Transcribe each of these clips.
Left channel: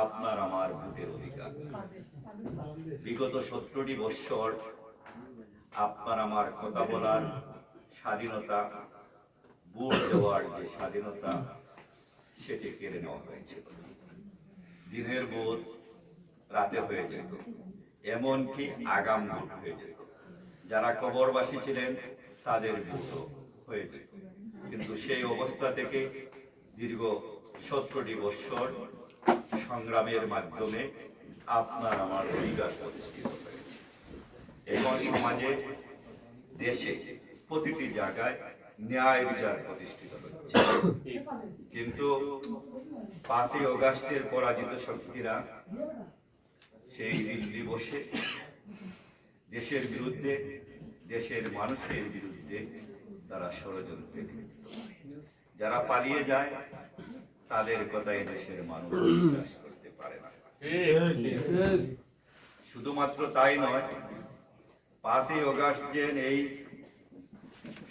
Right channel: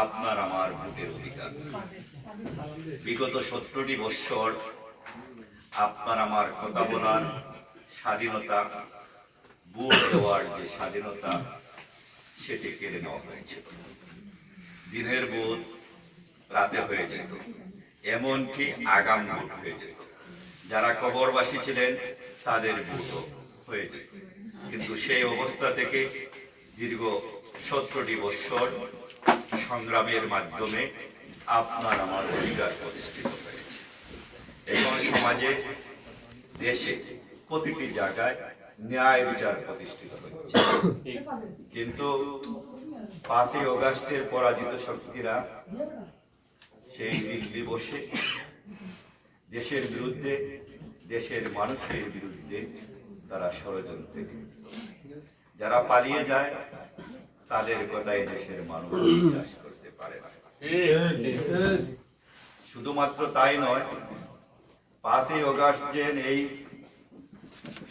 আপনার আমার ভোটের অধিকার। বিগত সত্তরটি বৎসর আপনার আমার কথা বলার স্বাধীনতা, ভোট দেওয়ার যে স্বাধীনতা, সেটি কেড়ে নেওয়া হয়েছিল দিনের বোধ রাতে হয়ে যেত, এমনকি আগাম ভোট হয়ে যেত। যারা কবরবাসী ছিলেন, তাদের ভোটও হয়ে যেত। কিন্তু সেই অবস্থা থেকে দীর্ঘ সতেরোটি বৎসর সংগ্রামের মাধ্যমে আপনার আমার অধিকার প্রতিষ্ঠিত হয়েছে এখন সমাজে, দেশে প্রতিটি জায়গায় ন্যায় বিচার প্রতিষ্ঠিত হচ্ছে কিন্তু পাঁচই অগাস্টের পরাজিত শক্তিরা সেই দিল্লি বসে, দেশের বিরুদ্ধে, দেশের মানুষের বিরুদ্ধে তারা ষড়যন্ত্রে। যারা পালিয়ে যায় তাদের কথাই দেশের মানুষ বিশ্বাস করতে পারে না শুধুমাত্র তাই নয় পাঁচই অগাস্ট যে এই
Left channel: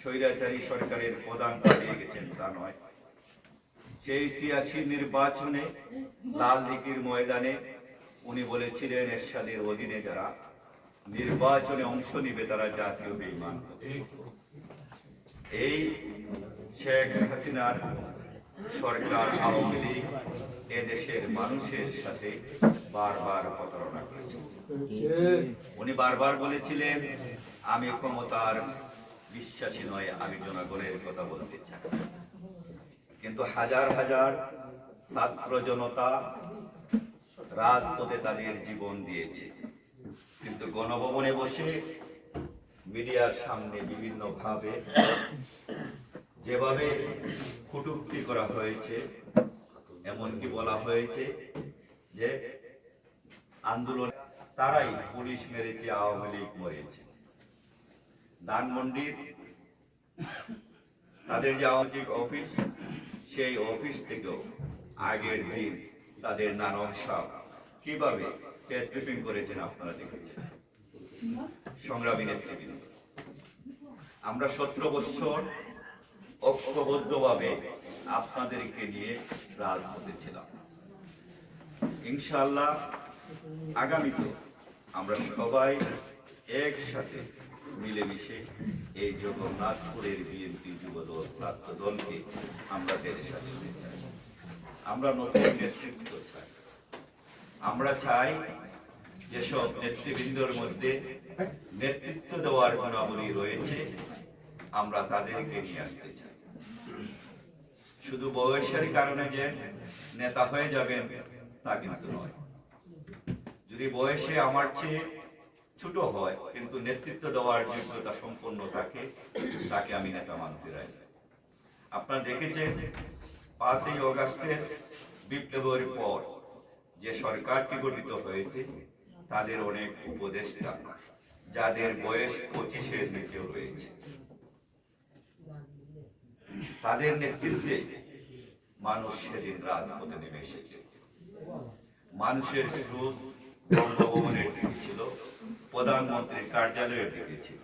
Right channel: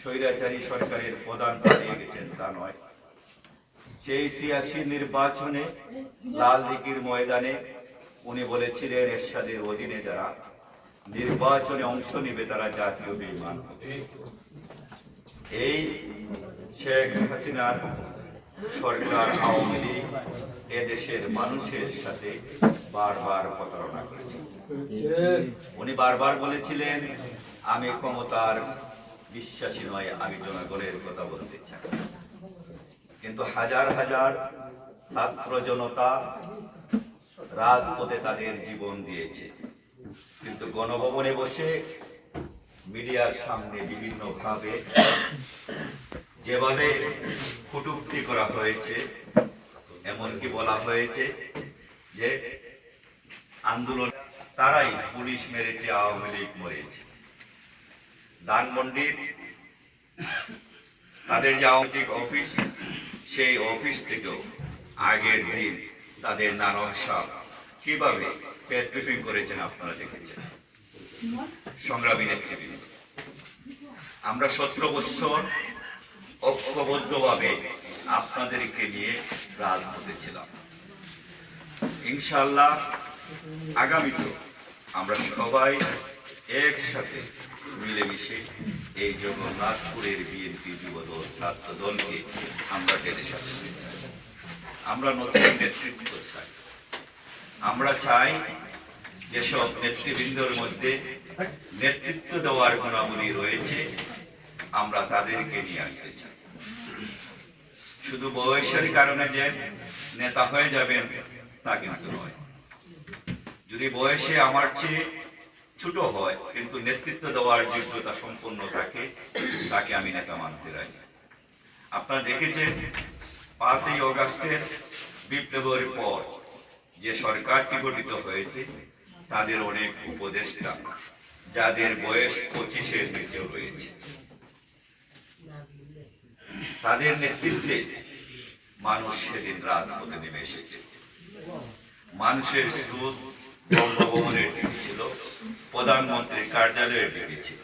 স্বৈরাচারী সরকারের প্রধান পালিয়ে গেছেন তা নয় সেই সিয়াসি নির্বাচনে লাল দিঘির ময়দানে উনি বলেছিলেন এরশাদের অধীনে যারা নির্বাচনে অংশ নিবে তারা জাতীয় বিমান এই শেখ হাসিনার সরকার, আওয়ামী লীগ এদেশের মানুষের সাথে বারবার প্রতারণা করেছে। উনি বারবার বলেছিলেন, আমি ক্ষমতার বিশ্বাসী নয়, আমি জনগণের কথা বলতে চাই। কিন্তু হাজার হাজার ছাত্র জনতা রাজপথে তাদের জীবন দিয়েছে। কিন্তু গণভবনে বসে মিডিয়ার সামনে বিভিন্ন ভাবে যেভাবে কটূক্তি করা হয়েছে, এমনকি বলা হয়েছে যে আন্দোলন, তারাই পুলিশ মেরেছে, আওয়ামী লীগ মরেছে। ধানমন্ডির তাদের যে আওয়ামী অফিস, সেই অফিস থেকেও আগের দিন তাদের নানক সাহ কীভাবে প্রেস ব্রিফিং করেছেন আপনারা দেখেছেন? সংগ্রামী নেতৃবৃন্দ। আমরা সতেরো বৎসর ঐক্যবদ্ধভাবে আপনাদেরকে নিয়ে রাজপথে ছিলাম। ইনশাল্লাহ আগামীতে আমরা সবাই একসাথে মিলেমিশে এই জগন্নাথপুরের বিএনপি যুবদল ছাত্র দলকে আমরা টেনে চাই আমরা নতুন নেতৃত্ব চাই। আমরা চাই যেসব নেতৃবৃন্দর মধ্যে নেতৃত্ব দেওয়ার গুণাবলী রয়েছে, আমরা তাদেরকে নিয়ে আসতে চাই। শুধু বয়সের কারণে যে নেতা হয়ে যাবেন, তা কিন্তু নয়। যদি বয়সে আমার চেয়ে ছোট হয়, কিন্তু নেতৃত্ব দেওয়ার যোগ্যতা সম্পন্ন থাকে, তাকে আমি নেতা মানতে রাজি। আপনারা দেখেছেন, পাঁচই অগাস্টের বিপ্লবের পর যে সরকারটি গঠিত হয়েছে, তাদের অনেক উপদেষ্টা, যাদের বয়স পঁচিশের নিচেও রয়েছে। তাদের নেতৃত্বে মানুষ সেদিন রাজপথে নেমে এসেছে। মানুষের স্রোত বঙ্গভবনের দিকে ছিল প্রধানমন্ত্রীর কার্যালয়ের দিকে ছিল।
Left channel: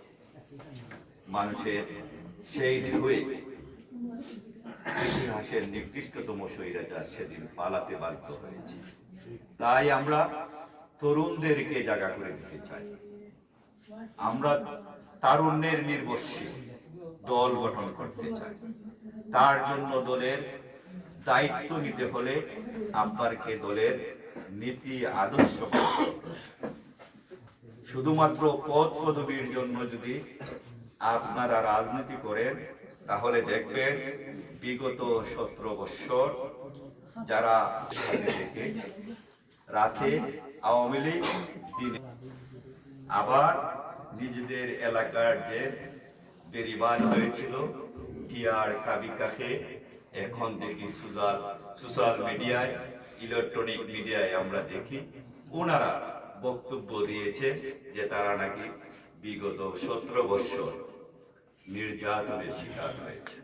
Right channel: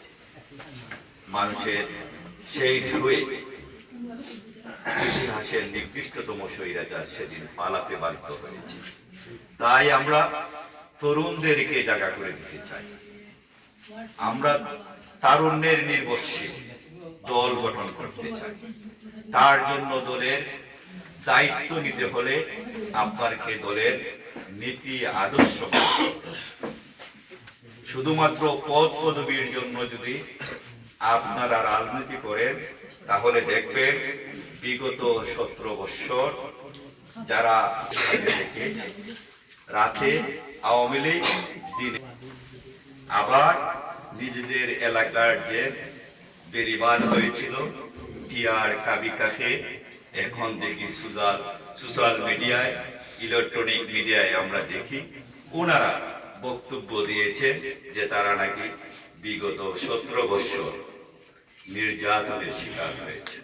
মানুষের সেই ঢেউয়ে ইতিহাসের নিকৃষ্টতম স্বৈরাচার সেদিন পালাতে বাধ্য হয়েছে। তাই আমরা তরুণদেরকে জায়গা করে দিতে চাই। আমরা তারুণ্যের নির্বস্বে দল গঠন করতে চাই। তার জন্য দলের দায়িত্ব নিতে হলে আপনাকে দলের নীতি আদর্শ শুধুমাত্র পদ পদবীর জন্য যদি আপনারা রাজনীতি করেন, তাহলে দেখবেন বিগত সতেরো বৎসর যারা থেকে রাতে আওয়ামী লীগ, দিনে আবার নিজেদের এলাকার যে বেরিবাদ হয়েছিল টিআর কাবিকাশে এখন দেখি সোশ্যাল সোশ্যাল মিডিয়ায়, ইলেকট্রনিক মিডিয়ায় আমরা দেখি। ওনারা বক্তব্য দিয়েছে যে তারা নাকি বিগত সতেরো বৎসর নির্যাতনের শিকার হয়েছে।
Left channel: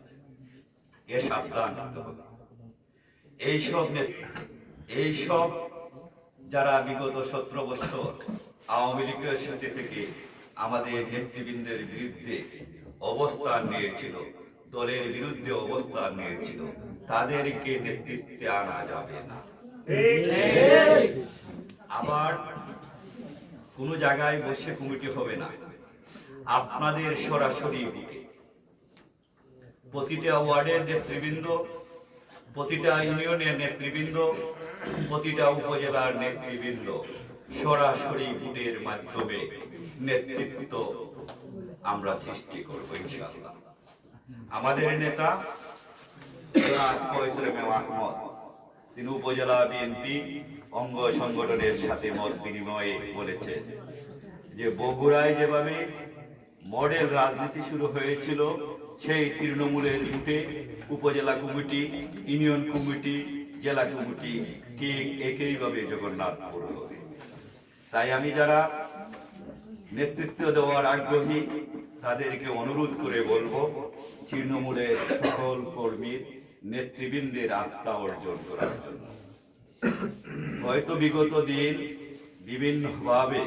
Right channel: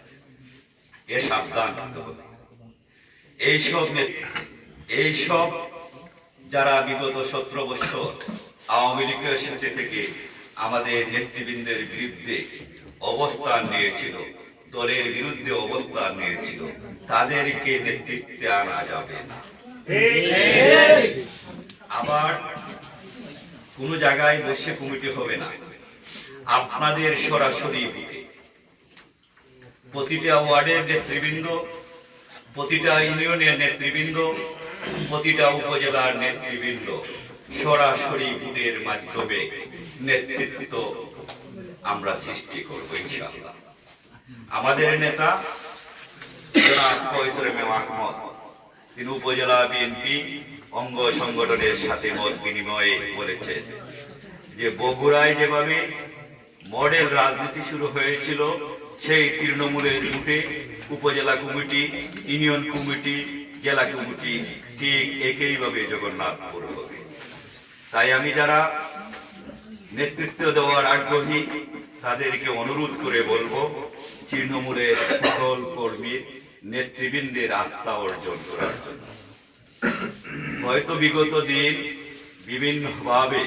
এ সাবধান হতে হবে। এইসব এইসব যারা বিগত সতেরো বছর আওয়ামী লীগের সাথে থেকে আমাদের নেতৃবৃন্দের বিরুদ্ধে অবস্থান নিয়েছিল দলের বিরুদ্ধে অবস্থান নিয়েছিল। তাদেরকে নেতৃত্বে আনা যাবে না। কোনো জায়গায় বসে কমিটি হবে না। আপনাদের সরাসরি প্রতিটা ওয়ার্ডের নেতৃবৃন্দ, প্রতিটা ইউনিয়নের নেতৃবৃন্দ, প্রতিটা উপজেলার নেতৃবৃন্দ সরাসরি ভোটের মাধ্যমে নেতৃত্ব আমরা সৃষ্টি করব ইনশাআল্লাহ। আমাদের নেতা তিনি উপজেলা বিএনপি অঙ্গ সংগঠনের সাথে মত বিনিময়ে বলেছেন যে বগুড়ায় যেভাবে মডেল রাজনীতি শুরু হয়েছিল, সেই তৃণমূলের রুটে উপজেলা কমিটি, ইউনিয়ন কমিটি, জেলা কমিটি ঠিক একইভাবে জগন্নাথপুর হবে। তাই আমি যারা নেতৃত্ব দেওয়ার আগ্রহী, তাদেরকে অনুরোধ করে বলব তৃণমূলের সকল কর্মীর নেতৃবৃন্দের আস্থা অর্জন করার জন্য। হয়তো বিগত দিন বিভিন্নভাবে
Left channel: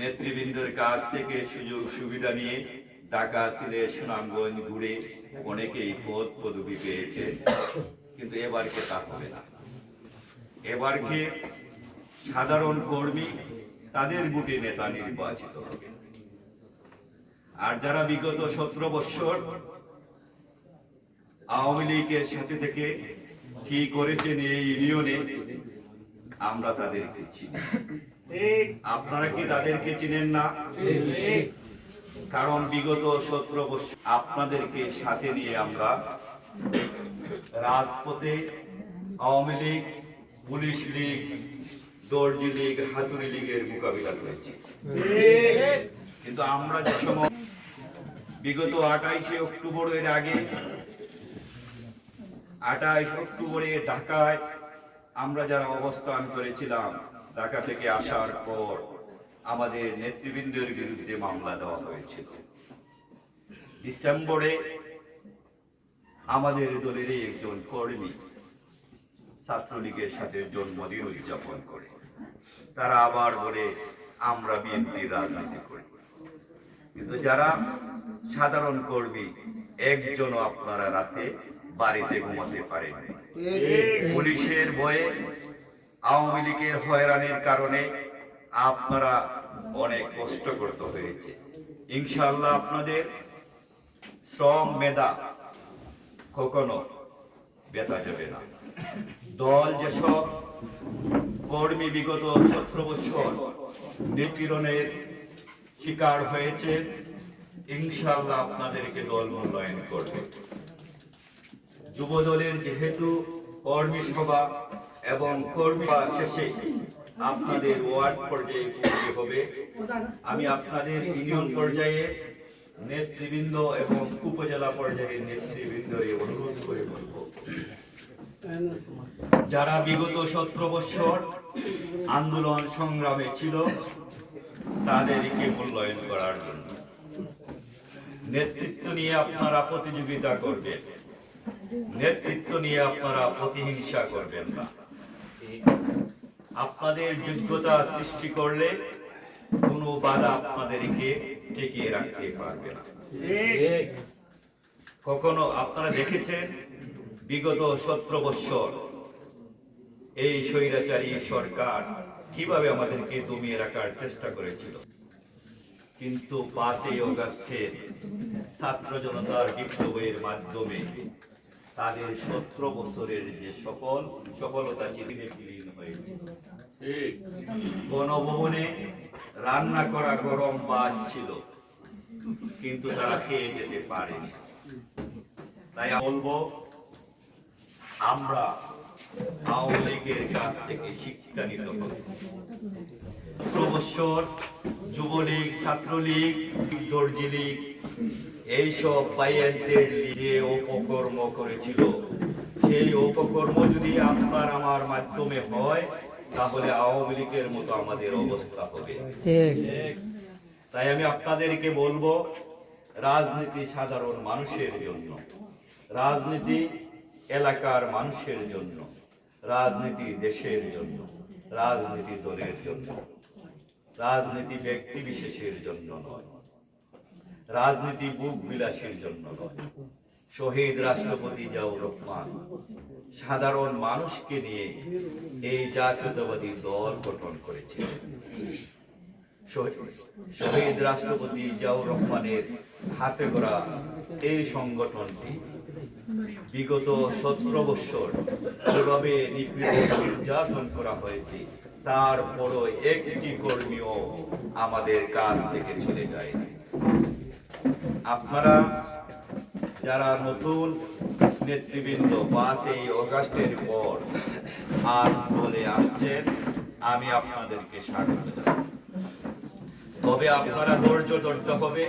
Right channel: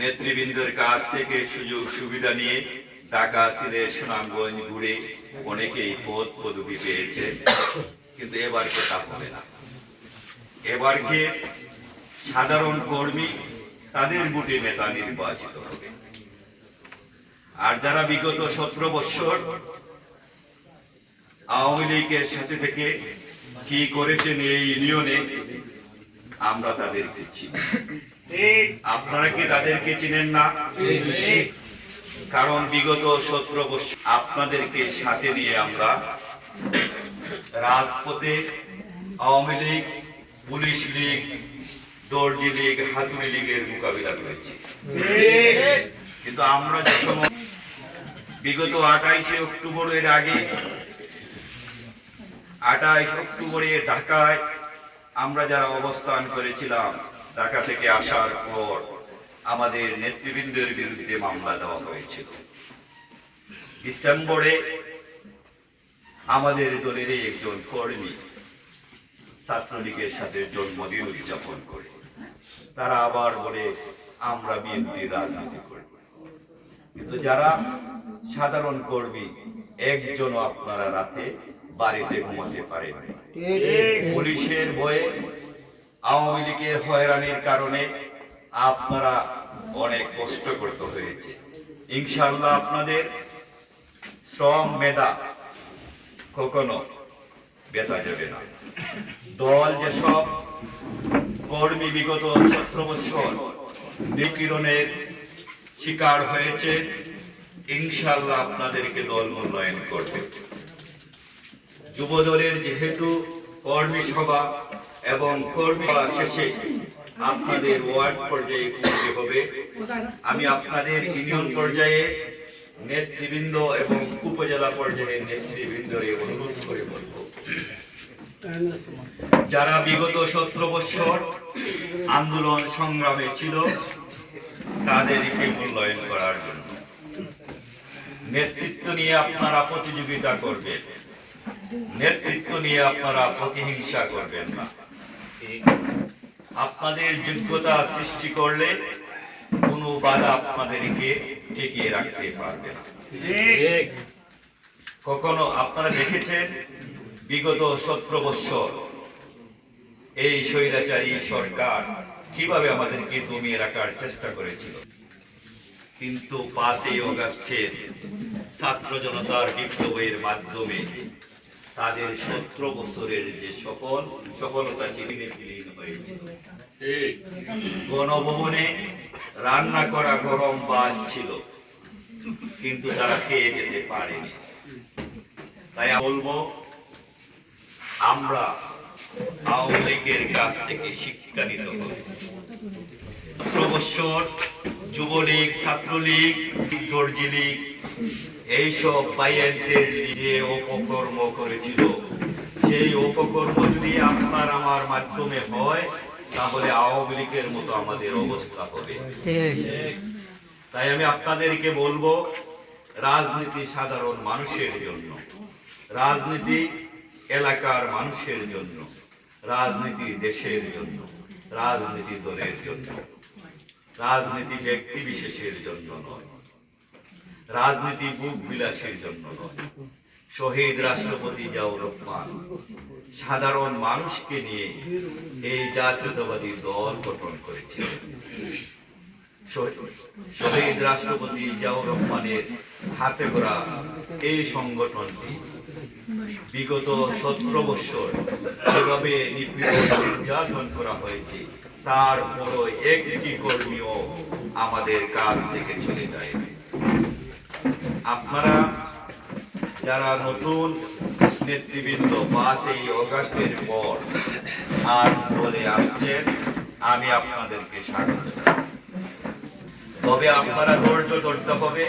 নেতৃবৃন্দের কাছ থেকে সুযোগ সুবিধা নিয়ে ঢাকা, সিলেট, সুনামগঞ্জ ঘুরে অনেকেই পদ পদবি পেয়েছে কিন্তু এবারকে তা হবে না। এবারকে সাধারণ কর্মী তাদের বুটে নেতা নির্বাচিত হবে? আর যারা বিগত সতেরো বৎসর আওয়ামী লীগের সাথে থেকে কি করেছেন এই ইউনিয়নে, আমরা তাদেরকে চিনি। আপনারা কি তাদেরকে চিনেন না? কারণ বিগত সতেরো বছর আপনাদেরকে সাথে নিয়ে আমরা রাজপথে আওয়ামী লীগ, পুলিশ লীগ, দর্জি লীগ, হাতুড়ি লীগের মোকাবিলা করেছি। কিন্তু আমরা যে বিগত আঠাইশে অক্টোবরের আগে আঠাইশ অক্টোবরে ঢাকায় আমরা যারা অবস্থান করেছিলাম, ঢাকা থেকে আসার পর আমাদের নেতৃবৃন্দের বিরুদ্ধে মামলা দেওয়া হয়েছিল। ডিসেম্বরে আমাদের দলেরই একজন কর্মী ছাত্রলীগের সাথে জন্মদিন উদযাপন করে। তারা আবার বলে, আমরা বিএনপি রাজনীতি করি। কিন্তু যারা সাধারণ কর্মী, একজনও আপনারা রাতে বাড়িতে ঘুমাতে পারেন পুলিশের বয়ে আওয়ামী লীগের হয়রানির কারণে আপনারা অনেক কষ্ট করতে হয়েছে। ইনশাল্লাহ আপনাদের শ্রম মেধা কখনো বেতা যাবে না। দল যেসব কর্মী বিগত সতেরো বছর নিপীড়নের শিকার হয়েছে ইনশাল্লাহ আপনাদেরকে দল মূল্যায়ন করবে। যুব দলের যেহেতু কর্মী সভা এবং কর্মী শেষে আপনাদের ওয়ার্ড পর্যায়ে করতে হবে, আমি আপনাদের ইউনিয়ন পর্যায়ে নেতৃবৃন্দ এবং উপজেলা পর্যায়ে নেতৃবৃন্দ অনুরোধ করে বলব। যারা বিগত সতেরো বছর আন্দোলন সংগ্রামে ছিল, তাদেরকে মূল্যায়ন করার জন্য নেতৃত্ব নিয়ে আপনারা প্রতিযোগিতা করবেন। নেতৃত্ব নিয়ে আপনারা প্রতিহিংসা করবেন না। আপনাদের যোগ্যতা সৃষ্টি করলে কোনো বাধা আপনাদেরকে টিকিয়ে রাখতে পারবে না। কখনো আপনারা দেখেছেন, বিগত সতেরো বৎসর এই স্বৈরাচারী সরকার কীভাবে আমাদেরকে দমিয়ে রাখার চেষ্টা করেছিল? কিন্তু পাঁচই অগাস্টের ছাত্র জনতার বিপ্লবের মাধ্যমে তাদের সতেরো বছরের যে সফল সফলতা চিনিয়ে বিলীন হয়েছে। গণভবনে রান্না করা গরম ভাত ছিল, কিন্তু তারা খেয়ে যেতে পারেনি। তাই বলব, আমরা আওয়ামী লীগের কাছ থেকে শিক্ষা নিতে হবে। প্রবৎসর যুবলীগ ছাত্রলীগ দর্জি লীগ এইসব বাইয়েন্টের যে অপকর্ম করেছিল সেই অপকর্ম যদি আপনার আমার মাধ্যমে হয় তাহলে আওয়ামী লীগের মতো আমাদের অবস্থা হবে। তাই আমি আপনাদেরকে বলব রাজনীতি সাধারণ মানুষের জন্য রাজনীতি এলাকার মানুষের জন্য রাজনীতি দেশের জন্য রাজনীতি দলের জন্য। রাজনীতি ব্যক্তি বিশেষের জন্য নয়। রাজনীতি বুক বিলাসের জন্য নয়। শহীদ রাষ্ট্রপতি জিয়াউর রহমান সাধারণ মানুষকে নিয়ে এই জাতীয়তাবাদী দল গঠন করেছিলেন শহীদ রাষ্ট্রপতি জিয়াউর রহমানের হাতে করা এই সংগঠনটি বিগত সতেরো বৎসর যেভাবে নির্যাতন করা হয়েছে তারপরও একটি কর্মীও আমাদের কাছ থেকে চলে যায়। আপনারা যারা নতুন নেতৃবৃন্দ পাঁচই অগাস্টের পর আর বলে আসছেন, আমি আপনাদেরকে স্বাগত। তবে আপনারা ধৈর্য ধরতে হবে,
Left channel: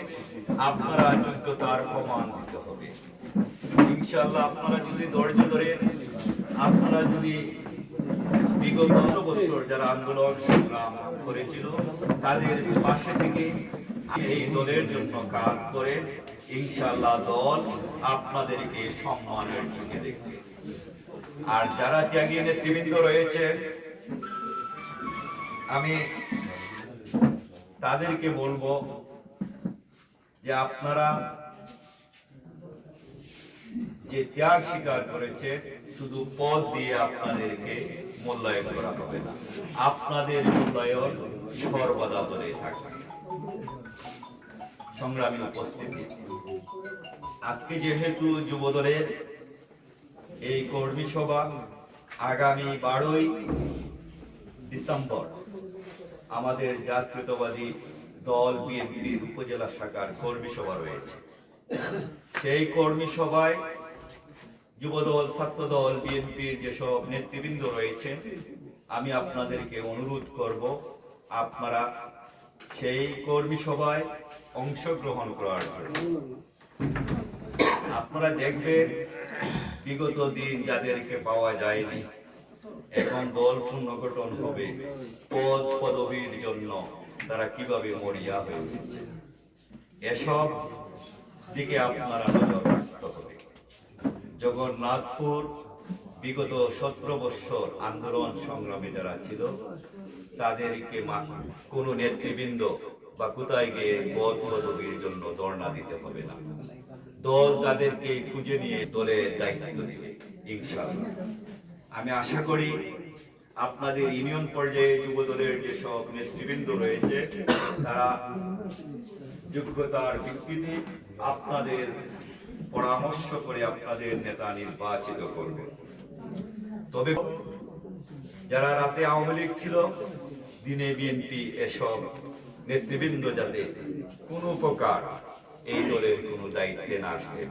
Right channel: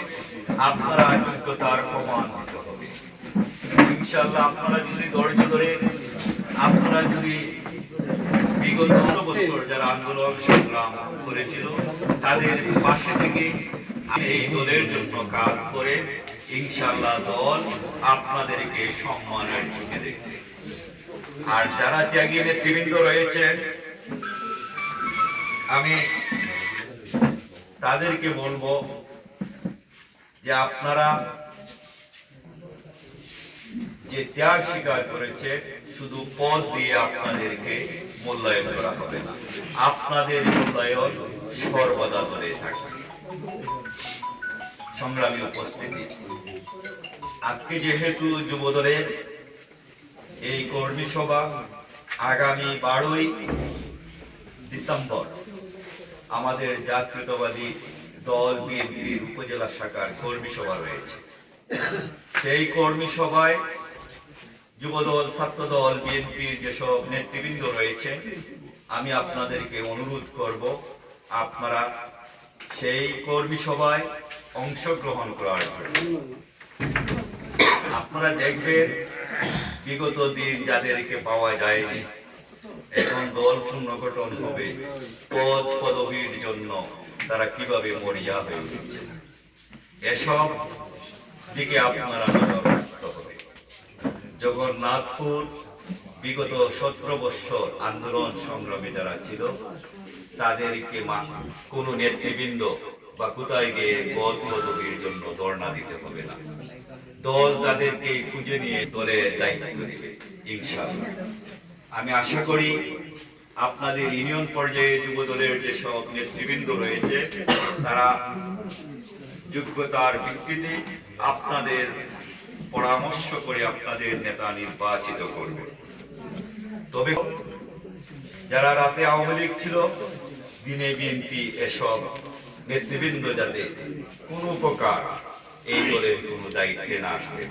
আপনারা যোগ্যতার প্রমাণ দিতে হবে। ইনশাল্লাহ আপনারা যদি ধৈর্য ধরে, আপনারা যদি বিগত বছর যারা আন্দোলন সংগ্রাম করেছিল, তাদের পাশে থেকে এই দলের জন্য কাজ করে ইনশাল্লাহ দল আপনাদেরকে সম্মানের চোখে দেখবে। আর যারা ত্যাগী নেতৃবৃন্দ রয়েছেন, আমি তাদেরকে বলব যে আপনারা যে ত্যাগ স্বীকার করেছে, শুধু পদ দিয়ে আপনাদেরকে মূল্যায়ন করা হবে না। আপনাদের মূল্যায়ন সর্বদা ধরে থাকবে। সংগ্রামী উপস্থিতি। আজকে যেহেতু যুবদলের এই কর্মী সভা আগামী বারোই ডিসেম্বর, আমাদের জাতীয়তাবাদী দল বিএনপির উপজেলা শাখার কর্মী সভা রয়েছে। সেই কর্মী সভায় যুবদল, ছাত্রদল, বিএনপির যেসব নেতৃবৃন্দ রয়েছে, আমি আপনাদেরকে অনুরোধ করব, আপনারা সেই কর্মী সভায় অংশগ্রহণ করার জন্য। আপনারা দেখবেন, বিগত দিন যাদেরকে পাওয়া যায়নি, এখন দল পুনর্গঠন হবে, পদ পদবীর জন্য তারা কীভাবে মরিয়া হয়ে উঠছে এসব দিকে আপনারা নজর জগন্নাথপুর বিগত সতেরো বৎসর আন্দোলন সংগ্রামী যারা ছিল, তাদেরকে কোনো নেতৃবৃন্দ বা কোথায় গিয়ে পদ পদবীর জন্য ধর্ণা দিতে হবে না। দল তাদেরকে খুঁজে নিয়ে দলের দায়িত্ব নেবে, ইনশাআল্লাহ। আমি আশা করি আপনাদের ইউনিয়ন পর্যায়ে যুব দলের যেসব নেতৃবৃন্দ রয়েছে, তারা যোগ্যতার ভিত্তিতে আপনাদের পরামর্শ করে আপনাদের নেতা নির্বাচিত করবে। তবে যারা রাতে আওয়ামী লীগ ছিল, দিনে বিএনপি এসব নেতৃবৃন্দ যাতে কোনো প্রকার এই দলের কোনো দায়িত্বে না পারে।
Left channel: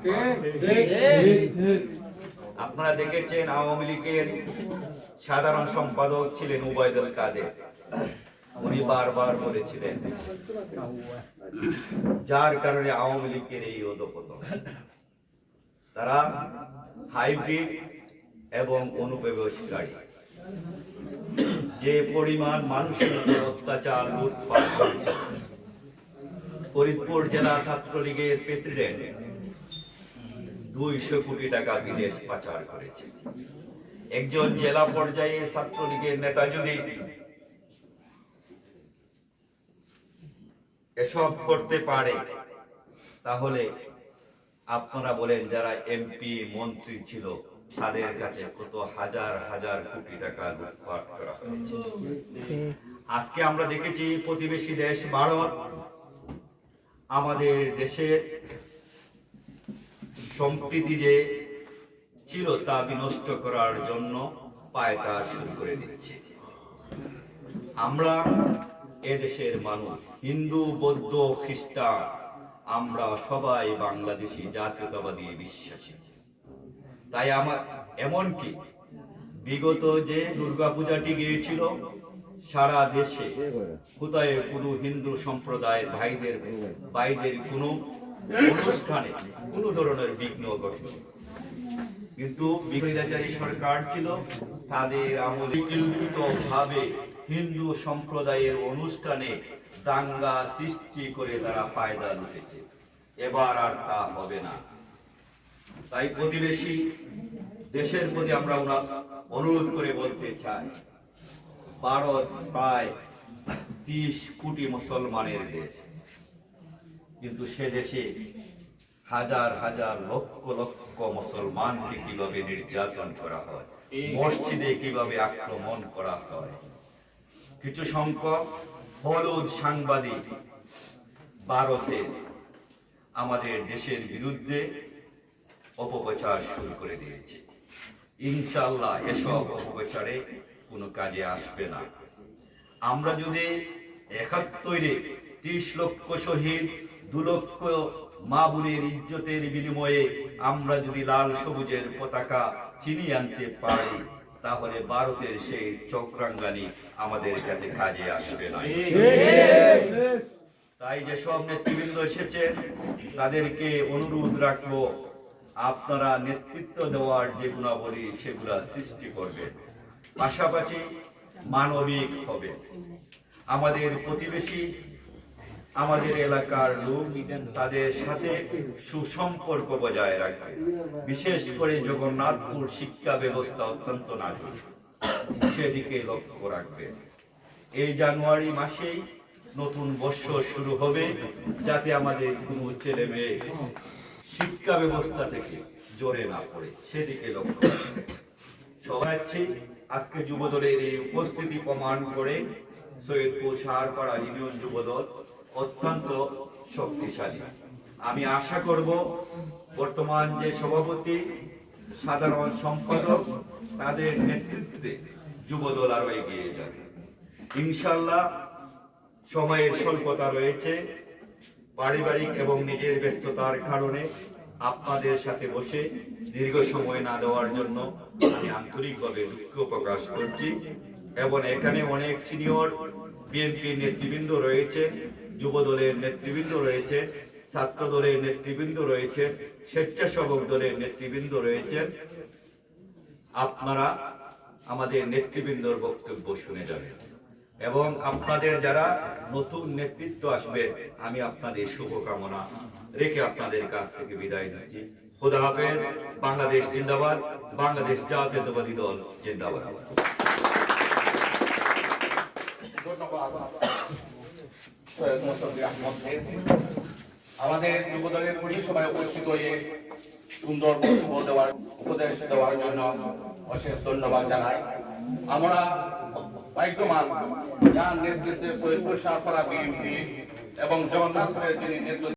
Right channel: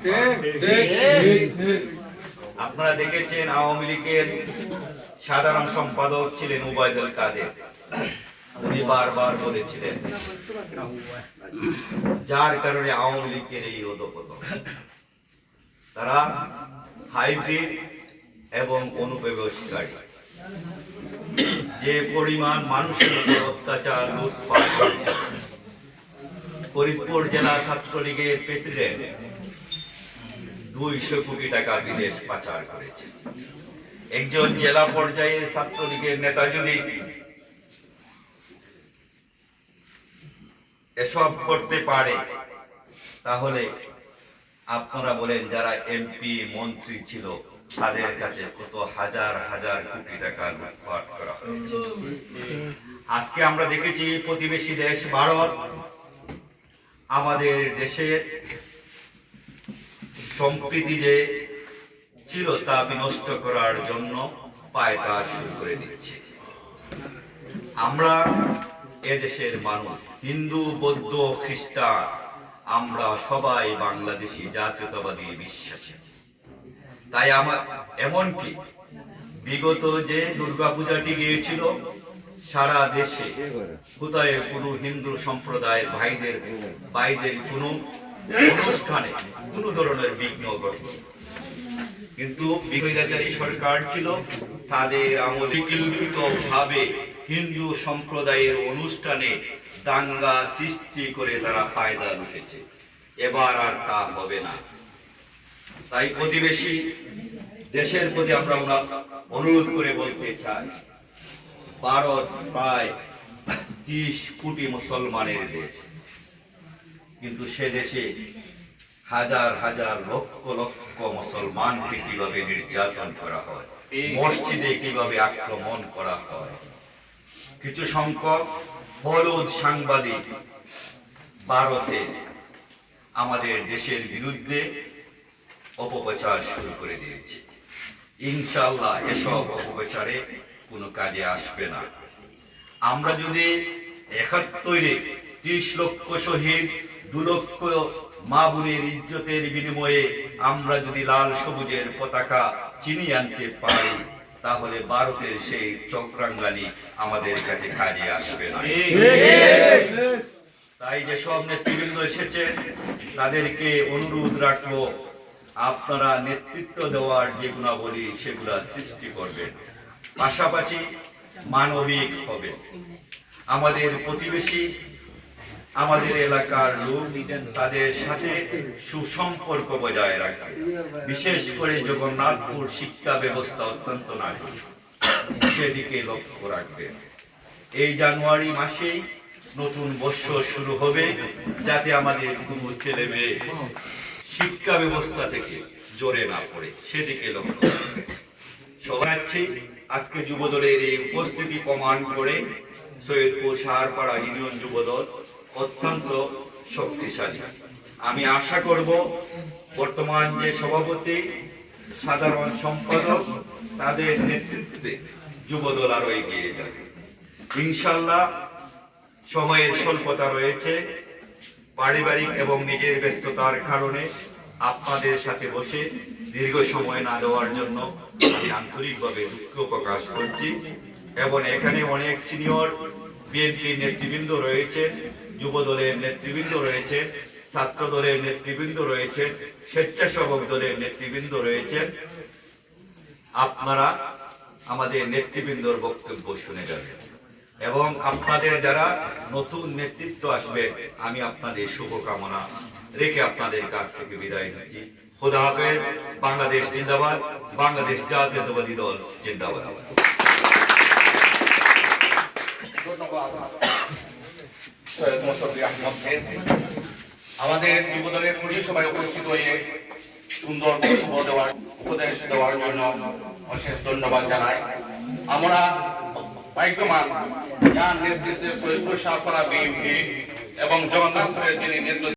আপনারা দেখেছেন আওয়ামী লীগের সাধারণ সম্পাদক ছিলেন উবায়দুল কাদের। উনি বারবার বলেছিলেন, যার কারণে আওয়ামী লীগের এই অধপতন। তারা হাইব্রিড এবং অনুপ্রবেশকারী। যে পরিমাণ মানুষের উপর অত্যাচার লুটপাট করেছে। ফরিদপুর জেলা ছাত্রলীগের প্রেসিডেন্ট দুইশো কোটি টাকা বিদেশ পাচার করেছে। একজন জেলা পর্যায়ের ছাত্রলীগের নেতা যদি এসব করতে পারে, তাহলে আপনারা বলেন, যারা এমপি মন্ত্রী ছিল, তাদের কাছে কত হাজার হাজার কোটি টাকা লুটপাট করা আজকে আমরা দেখেছি, প্রতিবেশী দেশ ভারত, আমাদের দেশের সম্প্রীতি যে ছিল, তা বিনষ্ট করার জন্য পায়তা শুরু করে দিচ্ছে। আমরা এদেশের মানুষ, হিন্দু, বৌদ্ধ, খ্রিস্টান আমরা সবাই বাংলাদেশি, জাতীয়তাবাদী বিশ্বাসী। তাই আমার এমনকি বিগত যে দুর্গাপূজাটি গিয়েছিল, সারা দেশে কোথায় কোনো হিন্দু সম্প্রদায়ের ভাইদের ভাইদের কোনো অনুষ্ঠানে কোনো ধরনের বিঘ্ন ঘটে কিন্তু বিকৈরাচারী সরকার ছিল, তাদের আমলে ভাবে হিন্দু সম্প্রদায়ের অনুষ্ঠানে দাঙ্গা সৃষ্টি করে তারা ফায়দা লুটেছে। এবার আর তা হবে না। তাই প্রতিবেশী দেশের প্রতি আমরা অনুরোধ করে বলতে চাই ভারত প্রায় ত্রিশ কোটি মুসলমানের দেশ। কিন্তু সে দেশে হাজার হাজার লক্ষ লক্ষ মুসলমানকে কীভাবে নির্যাতন করা হয় মসজিদে কীভাবে আক্রমণ করা হয় কিছু সংখ্যক হলুদ সাংবাদিক ভারতে আমাদের দেশের বিরুদ্ধে অপপ্রচার শুরু করে দিয়েছে। ইনশাল্লাহ এসব অপপ্রচারে কোনো কাজে আসবে না। আমরা যদি একাত্তরে ত্রিশ লক্ষ শহীদ, দু লক্ষ মা বোনের ইজ্জতের বিনিময়ে আমরা যদি লাল সবুজের পতাকা চিনিয়ে আনতে পারি তাহলে ভারতের সেই চক্রাঙ্গানি আমাদের কাছে কাজে আসবে না। তাই যে সব নেতৃবৃন্দ এসেছেন তাদেরকে অনুরোধ রাখব আপনারা নেতৃত্ব দেওয়ার যে গুণাবলী সেগুলা সৃষ্টি করবেন। পাশাপাশি মানবিক হবে। আমাদের প্রতিবেশী আমাদের এলাকার লোক তাদের সাথে সুসম্পর্ক বজায় রাখবে বিশেষ করে জগন্নাথপুর শিক্ষা ব্যবস্থা অত্যন্ত নাজুক। সেদিকে লক্ষ্য রাখবে এই জানুয়ারি মাসেই নতুন বৎসর শুরু হবে, যাতে আমাদের কোনো ছেলে মেয়ে শিক্ষা ব্যবস্থা থেকে জোরে না পড়ে। সেদিকে লক্ষ্য রাখবে সবাই আজকে যুবদলের এই উপস্থিতি প্রমাণ করে সৈয়দপুর সাহারপাড়া ইউনিয়ন যুবদল অত্যন্ত শক্তিশালী। আমি আশা করব, বর্তমান যে সভাপতি, সাধারণ সম্পাদক, তাদের নেতৃত্বে যুবদল আরও এগিয়ে যাবে। ইনশাল্লাহ সময়ের স্বল্পতা রয়েছে, পারিবারিক এবং নিজের ব্যস্ততার কারণে আপনাদের সাথে বসে দীর্ঘ সময় না দেওয়ার জন্য আমি আন্তরিকভাবে দুঃখ প্রকাশ করছি এবং এখানে অনেক সিনিয়র বিএনপি নেতৃবৃন্দ রয়েছেন। যুব দলের নেতৃবৃন্দ রয়েছেন ছাত্র দলের নেতৃবৃন্দ রয়েছেন, স্বেচ্ছাসেবক দলের নেতৃবৃন্দ রয়েছেন। আপনারা আমাদের নেতৃবৃন্দর বক্তব্য শুনে যাবেন। এবং আপনাদের যারা নতুন নেতৃত্ব আসবে আমি আপনাদের শুভকামনা রেখে আপনাদের কাছ থেকে বিদায় নিচ্ছি। খোদা হাফেজ, বাংলাদেশ জিন্দাবাদ, বাংলাদেশ জাতীয়তাবাদী দল জিন্দাবাদ। ধন্যবাদ। আমাদের যুবদলের কর্মী সভায় উপস্থিত হয়ে সুন্দর বক্তব্য দেওয়ার, উপদেশ দেওয়ার জন্য অশেষ ধন্যবাদ জানাই। আমরা ভাগ্যবান, যার নেতৃত্বে সৈয়দপুর করা বিএনপি এবং জগন্নাথের যিনি নেতৃত্ব